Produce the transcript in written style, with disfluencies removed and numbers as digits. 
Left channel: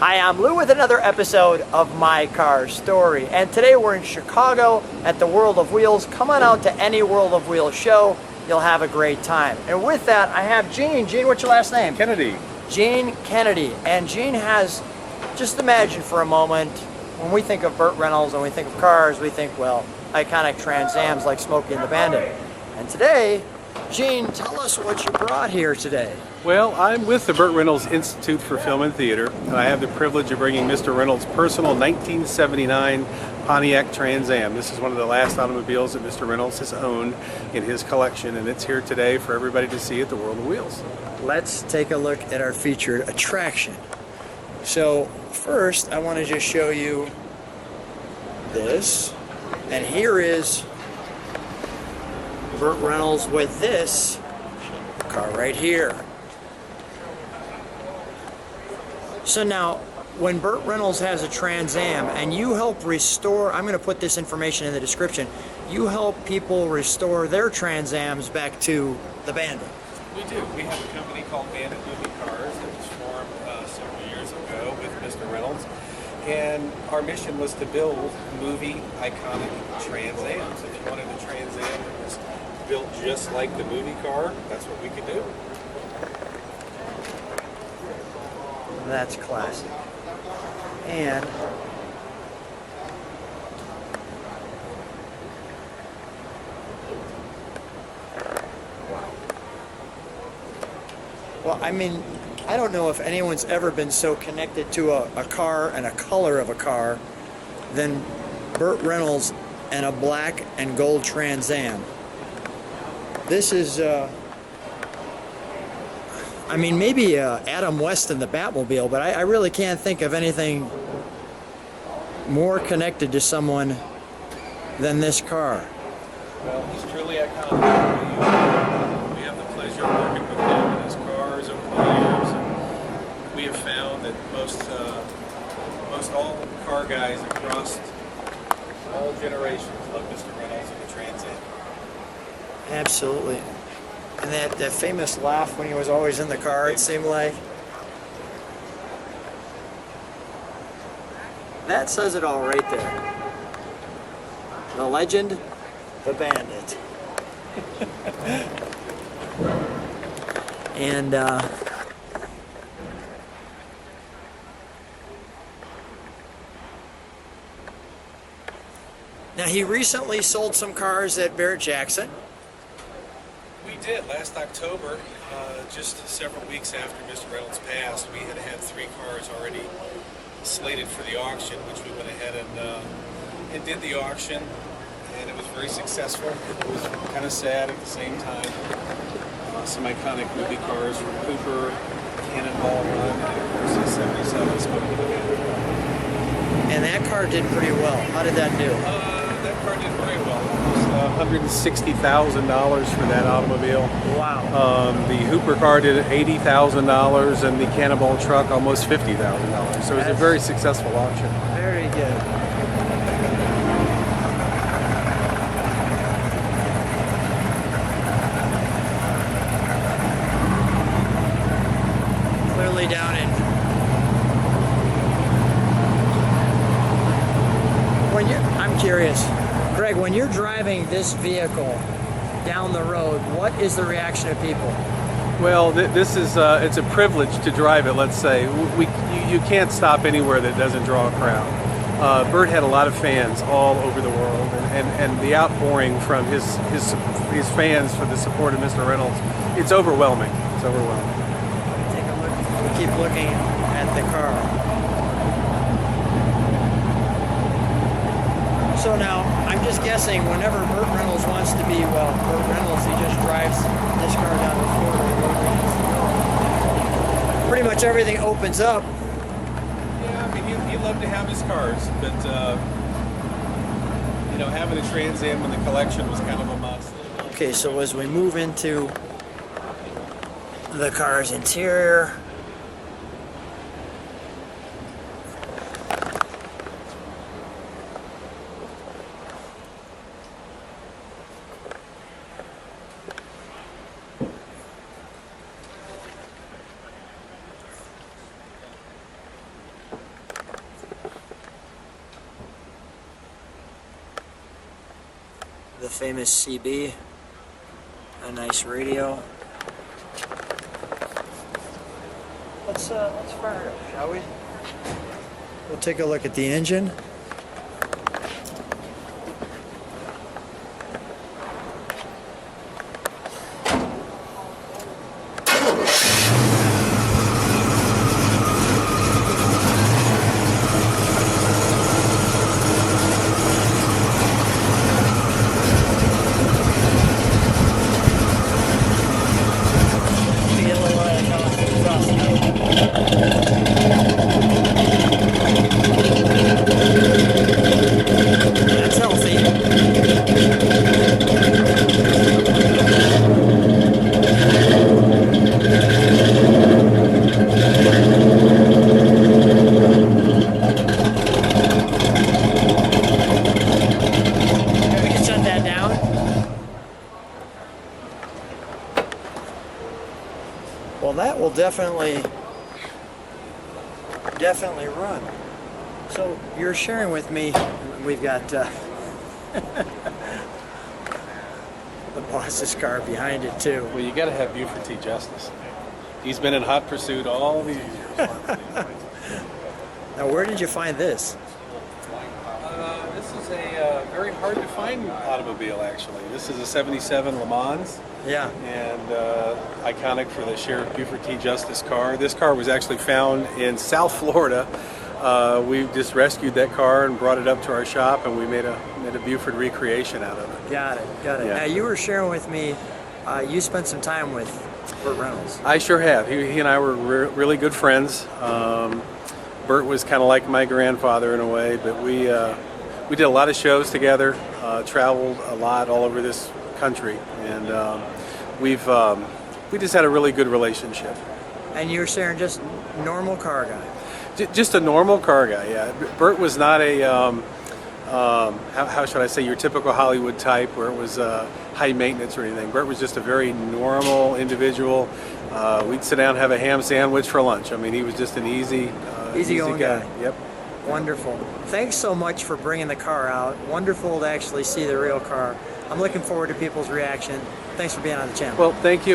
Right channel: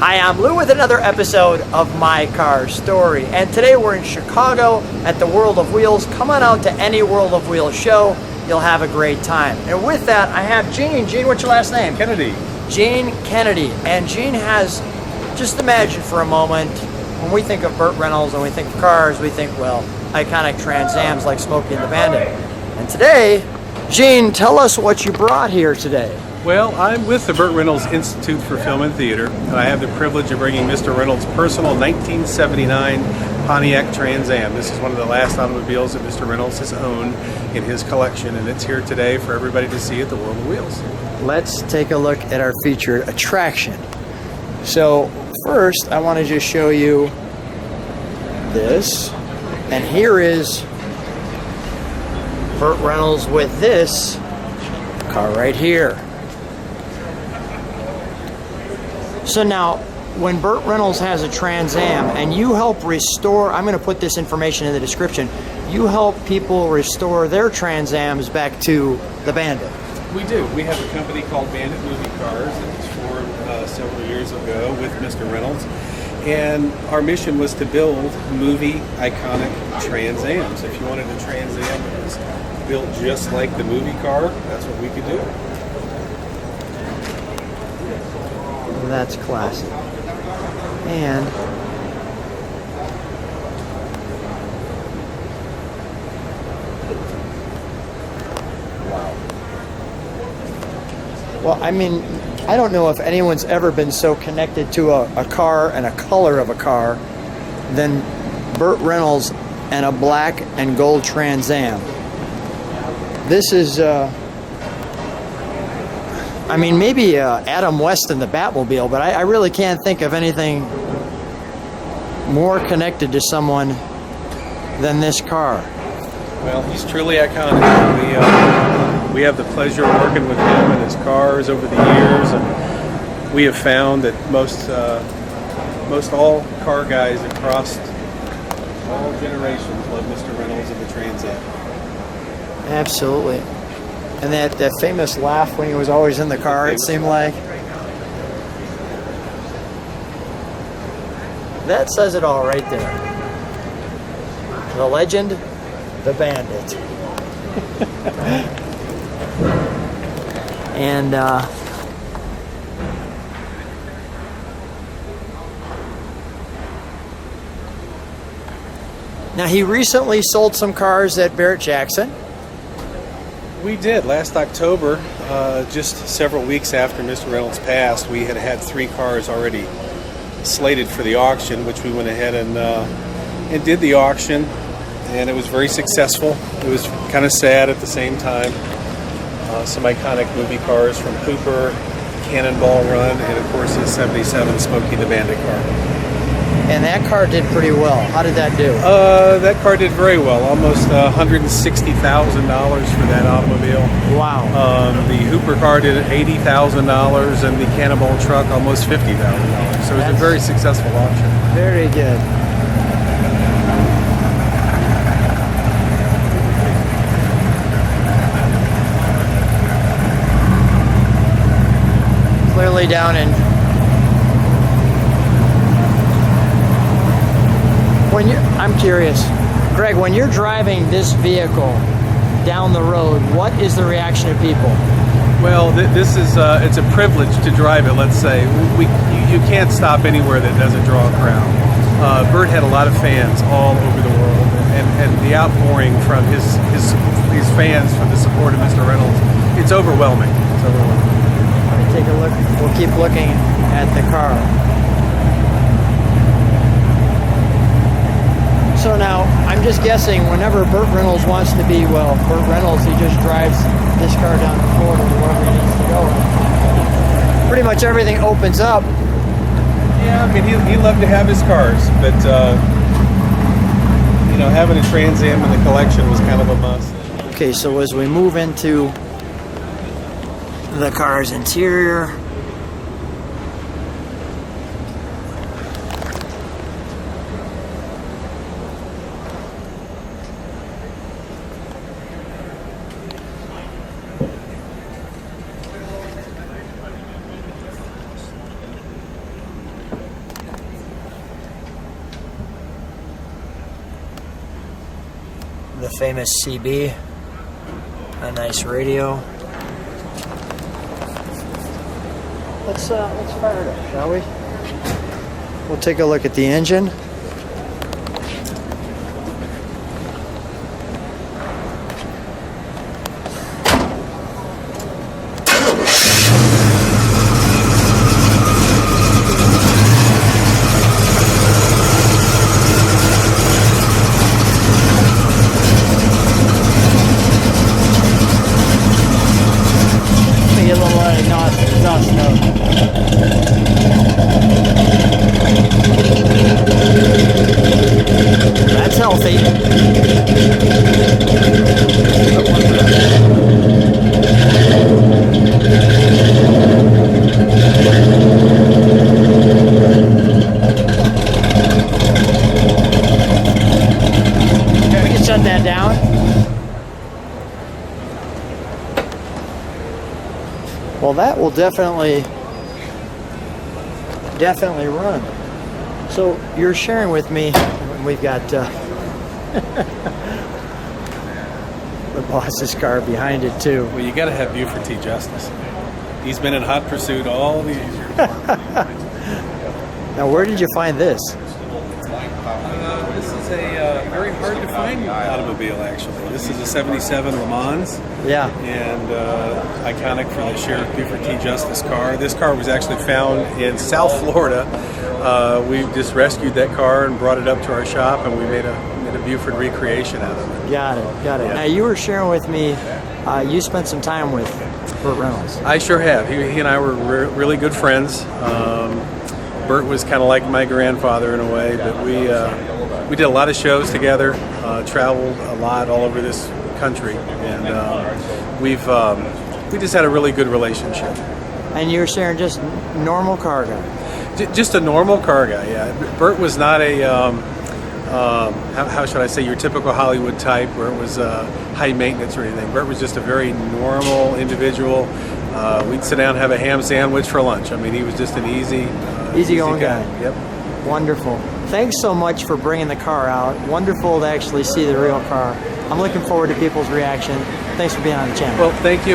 Hi, I'm Lou with another episode of My Car Story, and today we're in Chicago at the World of Wheels. Come on out to any World of Wheels show. You'll have a great time. And with that, I have Gene. Gene, what's your last name? Kennedy. Gene Kennedy. And Gene has, just imagine for a moment, when we think of Burt Reynolds and we think of cars, we think, well, iconic Trans Ams like Smokey and the Bandit. And today, Gene, tell us what you brought here today. Well, I'm with the Burt Reynolds Institute for Film and Theater, and I have the privilege of bringing Mr. Reynolds' personal 1979 Pontiac Trans Am. This is one of the last automobiles that Mr. Reynolds has owned in his collection, and it's here today for everybody to see at the World of Wheels. Let's take a look at our featured attraction. So first, I want to just show you this, and here is Burt Reynolds with this car right here. So now, when Burt Reynolds has a Trans Am and you help restore, I'm going to put this information in the description, you help people restore their Trans Ams back to the Bandit. We do. We have a company called Bandit Movie Cars that was formed several years ago with Mr. Reynolds. And our mission was to build movie iconic Trans Ams. If you wanted a Trans Am that was built just like the movie car, that's what we could do. That's classic. And well, I mean, I don't know if anyone's ever been so connected to a car and a color of a car than Burt Reynolds and a black and gold Trans Am. This is I mean, maybe Adam West and the Batmobile, but I really can't think of anything more connected to someone than this car. Well, he's truly iconic. We have the pleasure of working with him and his cars over the years, and we have found that most all car guys across all generations love Mr. Reynolds and the Trans Am. Absolutely. And that famous laugh when he was always in the car, it seemed like. That says it all right there. The legend, the Bandit. And now he recently sold some cars at Barrett-Jackson. We did. Last October, just several weeks after Mr. Reynolds passed, we had 3 cars already slated for the auction, which we went ahead and did the auction, and it was very successful. It was kind of sad at the same time. Some iconic movie cars from Cooper, Cannonball Run, and of course the 77 Smokey the Bandit car. And that car did pretty well. How did that do? That car did very well. Almost $160,000 for that automobile. Wow. The Hooper car did $80,000, and the Cannonball truck almost $50,000. So it was a very successful auction. Very good. Clearly down in. When you're driving this vehicle down the road, what is the reaction of people? Well, this is it's a privilege to drive it. Let's say you can't stop anywhere that doesn't draw a crowd. Burt had a lot of fans all over the world, and the outpouring from his fans for the support of Mr. Reynolds, it's overwhelming. It's overwhelming. Take a look. We'll keep looking at the car. So now, I'm just guessing, whenever Burt Reynolds wants to be Burt Reynolds, he just drives this car down the floor. Pretty much everything opens up. Yeah, I mean, he loved to have his cars, but having a Trans Am in the collection was kind of a must. Okay, so as we move into the car's interior, famous CB. A nice radio. Let's fire it up, shall we? We'll take a look at the engine. Well, that will definitely run. So you're sharing with me, we've got the boss's car behind it too. Well, you got to have Buford T. Justice. He's been in hot pursuit all these years. Now, where did you find this? This is a very hard to find automobile, actually. This is a 77 Le Mans. Yeah. And iconic for the Sheriff Buford T. Justice car. This car was actually found in South Florida. We just rescued that car and brought it up to our shop, and we made a Buford recreation out of it. Got it. Yeah. Now, you were sharing with me, you spent some time with Burt Reynolds. I sure have. He and I were really good friends. Burt was kind of like my grandfather in a way, but we did a lot of shows together, traveled a lot all over this country, and we just had a really good relationship. And you're sharing just normal car guy? Just a normal car guy, yeah. Burt was not a, how should I say, your typical Hollywood type where it was high maintenance or anything. Burt was just a very normal individual. We'd sit down and have a ham sandwich for lunch. I mean, he was just an easy guy. Yep. Wonderful. Thanks so much for bringing the car out. Wonderful to actually see the real car. I'm looking forward to people's reaction. Thanks for being on the channel. Well, thank you.